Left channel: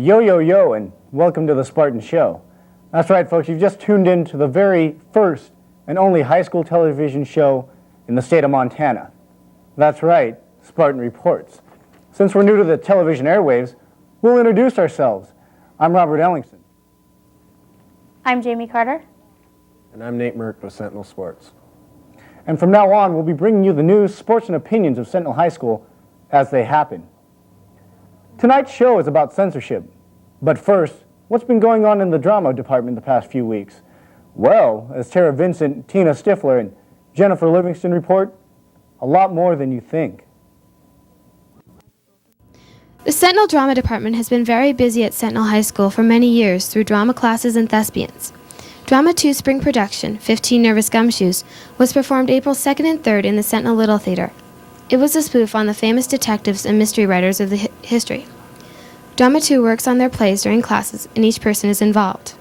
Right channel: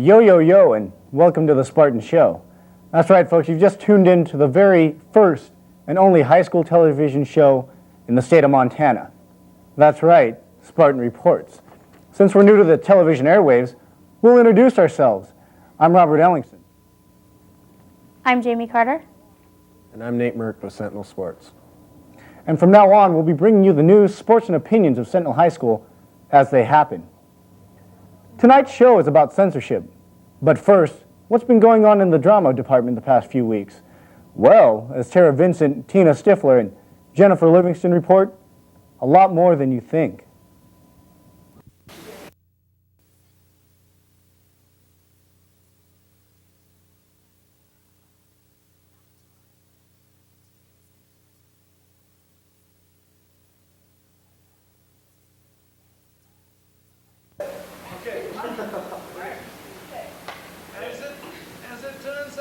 Yo, yo, yo, and welcome to the Spartan Show. That's right, folks, you've just tuned in to the very first and only high school television show in the state of Montana. That's right, Spartan Reports. Since we're new to the television airwaves, we'll introduce ourselves. I'm Robert Ellingson. I'm Jamie Carter. And I'm Nate Merck with Sentinel Sports. And from now on, we'll be bringing you the news, sports, and opinions of Sentinel High School as they happen. Tonight's show is about censorship. But first, what's been going on in the drama department the past few weeks? Well, as Tara Vincent, Tina Stifler, and Jennifer Livingston report, a lot more than you think. The Sentinel Drama Department has been very busy at Sentinel High School for many years through drama classes and thespians. Drama 2 spring production, 15 Nervous Gumshoes, was performed April 2nd and 3rd in the Sentinel Little Theater. It was a spoof on the famous detectives and mystery writers of the history. Drama 2 works on their plays during classes, and each person is involved.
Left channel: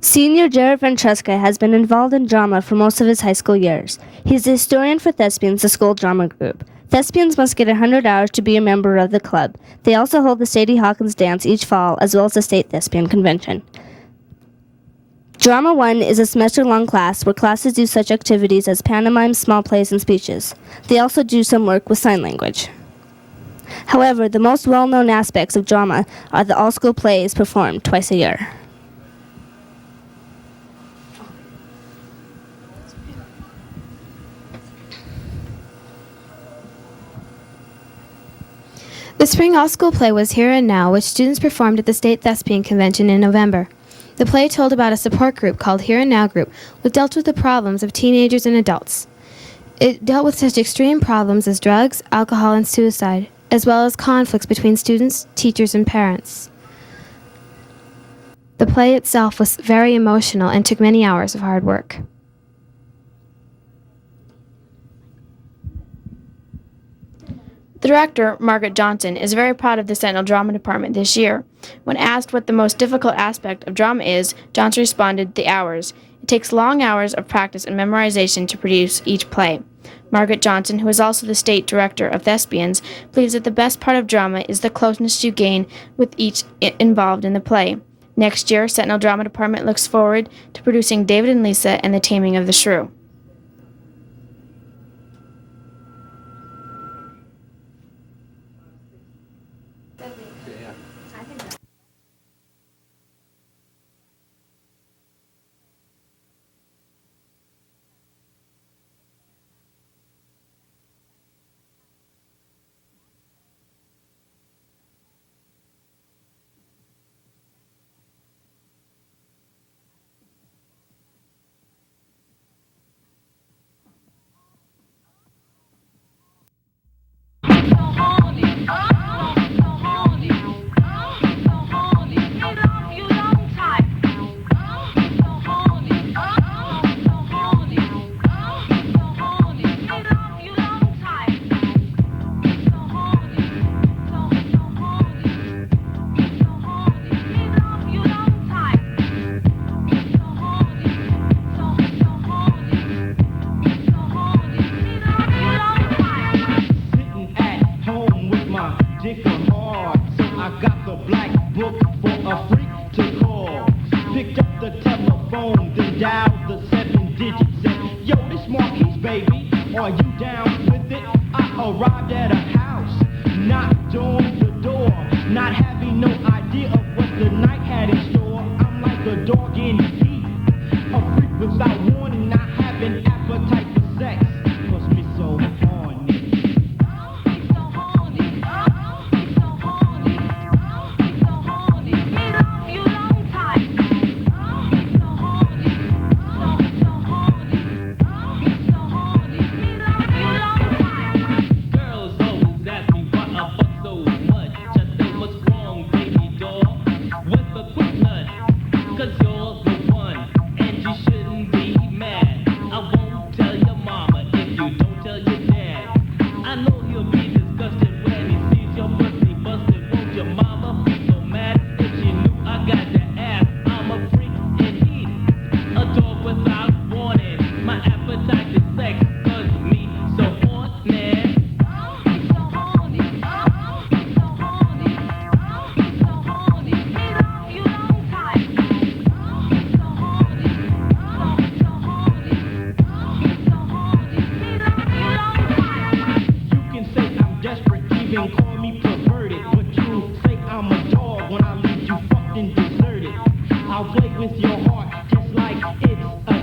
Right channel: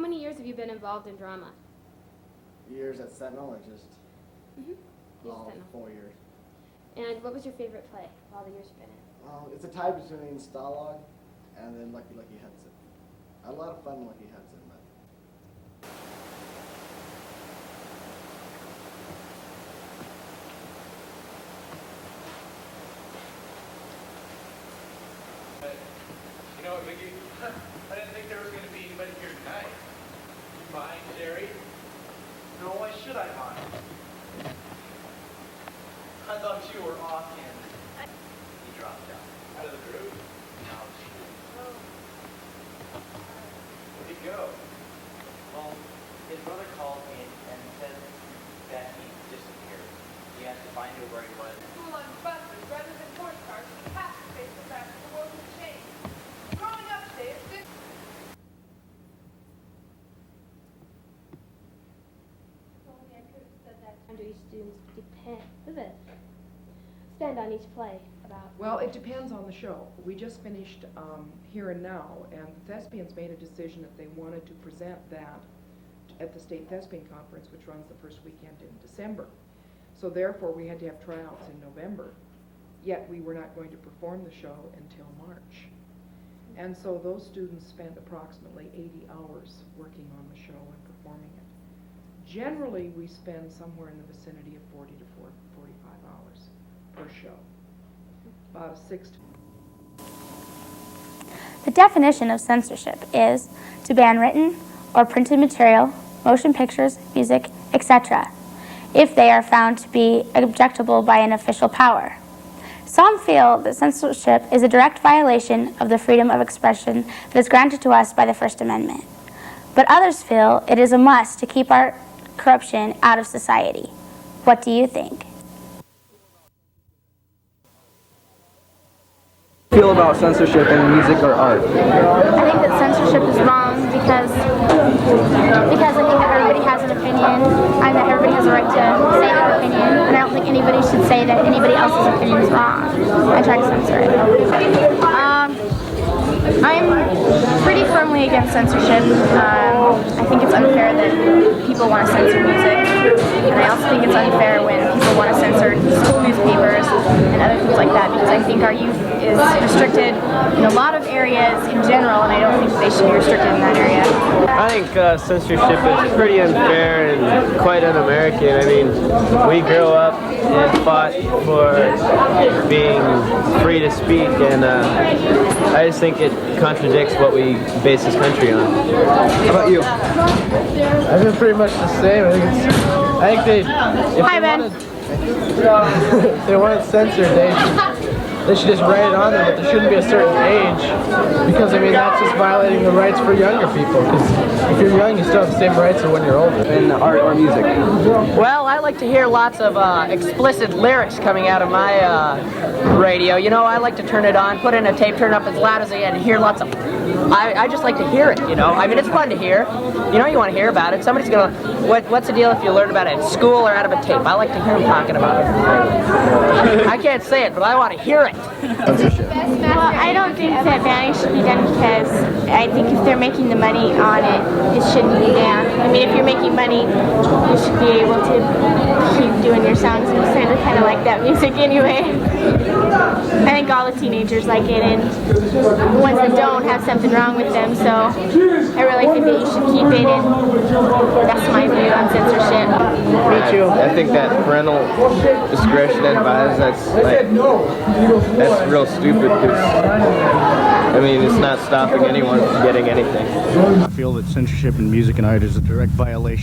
Senior Jared Ventresca has been involved in drama for most of his high school years. He's the historian for Thespians, the school drama group. Thespians must get 100 hours to be a member of the club. They also hold the Sadie Hawkins dance each fall, as well as the state thespian convention. Drama 1 is a semester-long class where classes do such activities as pantomimes, small plays, and speeches. They also do some work with sign language. However, the most well-known aspects of drama are the all-school plays performed twice a year. The spring all-school play was Here and Now, which students performed at the State Thespian Convention in November. The play told about a support group called Here and Now Group, which dealt with the problems of teenagers and adults. It dealt with such extreme problems as drugs, alcohol, and suicide, as well as conflicts between students, teachers, and parents. The play itself was very emotional and took many hours of hard work. The director, Margaret Johnson, is very proud of the Sentinel Drama Department this year. When asked what the most difficult aspect of drama is, Johnson responded, the hours. It takes long hours of practice and memorization to produce each play. Margaret Johnson, who is also the state director of Thespians, believes that the best part of drama is the closeness you gain with each involved in the play. Next year, Sentinel Drama Department looks forward to producing David and Lisa and the Taming of the Shrew. The definition of censorship is to ban written or printed material, motion pictures, music, etc., if they are found to be objectionable by an official power. Some feel that censorship is a direct violation of the freedom of expression that is granted to us by the First Amendment. But others feel it is a must to keep our corruption out of society. What do you think? Feel about censorship in music or art? I think that censorship is wrong because I think everybody has an opinion. I think everybody has a right to say their opinion, and I don't think anybody should say that anybody else's opinion is wrong. I try to censor it. I'm pretty firmly against censorship. I think it's unfair that people want to censor music, and I also think it's unfair when people want to censor school newspapers and other things like that, because I think our youth is restricted in a lot of areas in general, and I don't think they should be restricted in that area. I think censorship is pretty unfair and quite un-American. I mean, we grow up and fought for being free to speak, and I just think it contradicts what we base this country on. How about you? I think pretty much the same. I think they... Hi, Ben. If they weren't censored, they should just write it on there, but there shouldn't be a certain age, because I mean that's just violating the rights for younger people. Because if you're young, you still have the same rights as when you're older. In art or music? Well, I like to hear lots of explicit lyrics coming out of my radio. You know, I like to turn it on, put in a tape, turn it up as loud as I can, and hear lots of... I just like to hear it, you know. I mean, it's fun to hear. You know, you want to hear about it. Somebody's going to... What's the deal if you learn about it at school or out of a tape? I like to hear them talking about it. I can't say it, but I want to hear it. Well, I don't think that banning should be done because I think if they're making the money on it, it shouldn't be banned. I mean, if you're making money, you should be able to keep doing your songs. We certainly kind of like that music anyway. I think all the teenagers like it, and the ones that have something wrong with them. So I really think that you should keep it in. That's my view on censorship. I think that parental discretion advised, that's real stupid because, I mean, it's not stopping anyone from getting anything. I feel that censorship in music and art is a direct violation